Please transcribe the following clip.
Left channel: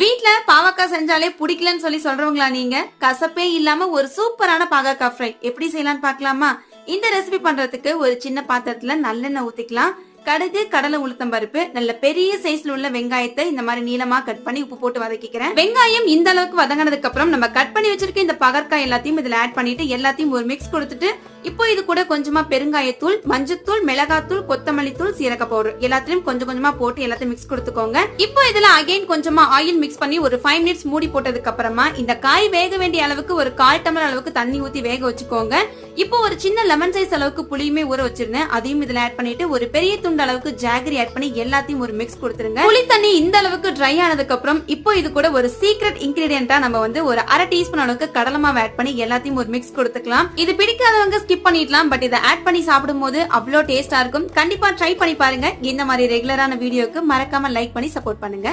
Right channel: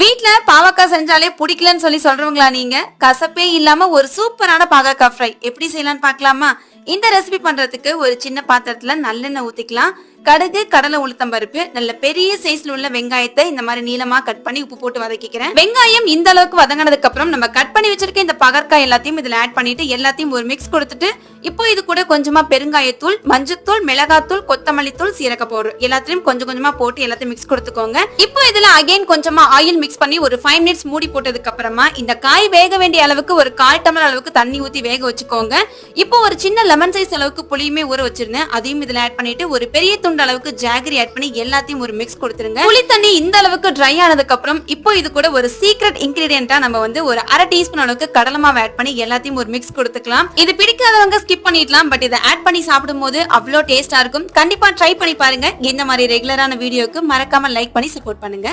வீட்ல பாவக்காய் செஞ்சாலே பிடிக்கலன்னு சொல்லி சொல்றவங்களா நீங்க? கசப்பே இல்லாம ஒரு சூப்பரான பாகக்காய் ஃப்ரை எப்படி செய்யலாம்னு பார்க்கலாமா? இந்த ரெசிபி பண்றதுக்கு ஒரு சின்ன பாத்திரத்துல நல்லெண்ணெய் ஊத்திக்கலாம். கடுகு, கடலை, உளுத்தம் பருப்பு, நல்ல பெரிய சைஸ்ல உள்ள வெங்காயத்தை இந்த மாதிரி நீளமா கட் பண்ணி உப்பு போட்டு வதக்கிக்கிறேன். வெங்காயம் இந்த அளவுக்கு வதங்கினதுக்கு அப்புறம் நம்ம கட் பண்ணி வச்சிருக்க இந்த பாகற்காய் எல்லாத்தையும் இதுல ஆட் பண்ணிட்டு எல்லாத்தையும் ஒரு மிக்ஸ் கொடுத்துட்டு இப்போ இது கூட கொஞ்சமா பெருங்காயத்தூள், மஞ்சத்தூள், மிளகாத்தூள், கொத்தமல்லி தூள், சீரக பவுடர் எல்லாத்தையும் கொஞ்சம் கொஞ்சமா போட்டு எல்லாத்தையும் மிக்ஸ் கொடுத்துக்கோங்க. இப்போ இதுல அகைன் கொஞ்சமா ஆயில் மிக்ஸ் பண்ணி ஒரு 5 மினிட்ஸ் மூடி போட்டதுக்கு அப்புறமா இந்த காய் வேக வேண்டிய அளவுக்கு ஒரு 1/4 டம்ளர் அளவுக்கு தண்ணி ஊத்தி வேக வச்சுக்கோங்க. இப்போ ஒரு சின்ன லெமன் சைஸ் அளவுக்கு புளியுமே ஊற வச்சிருந்தேன், அதையும் இதுல ஆட் பண்ணிட்டு ஒரு பெரிய துண்டு அளவுக்கு ஜாகரி ஆட் பண்ணி எல்லாத்தையும் ஒரு மிக்ஸ் கொடுத்துருங்க. புளி தண்ணி இந்த அளவுக்கு ட்ரை ஆனதுக்கு அப்புறம் இப்போ இது கூட ஒரு சீக்ரெட் இன்கிரிடியன்ட்டா நம்ம வந்து ஒரு 1/2 டீஸ்பூன் அளவுக்கு கடலை மாவு ஆட் பண்ணி எல்லாத்தையும் ஒரு மிக்ஸ் கொடுத்துக்கலாம். இது பிடிக்காதவங்க ஸ்கிப் பண்ணிடலாம், பட் இதை ஆட் பண்ணி சாப்பிடும்போது அவ்வளோ டேஸ்டா இருக்கும். கண்டிப்பா ட்ரை பண்ணி பாருங்க. இந்த மாதிரி ரெகுலரான வீடியோக்கு மறக்காம லைக் பண்ணி சப்போர்ட் பண்ணுங்க.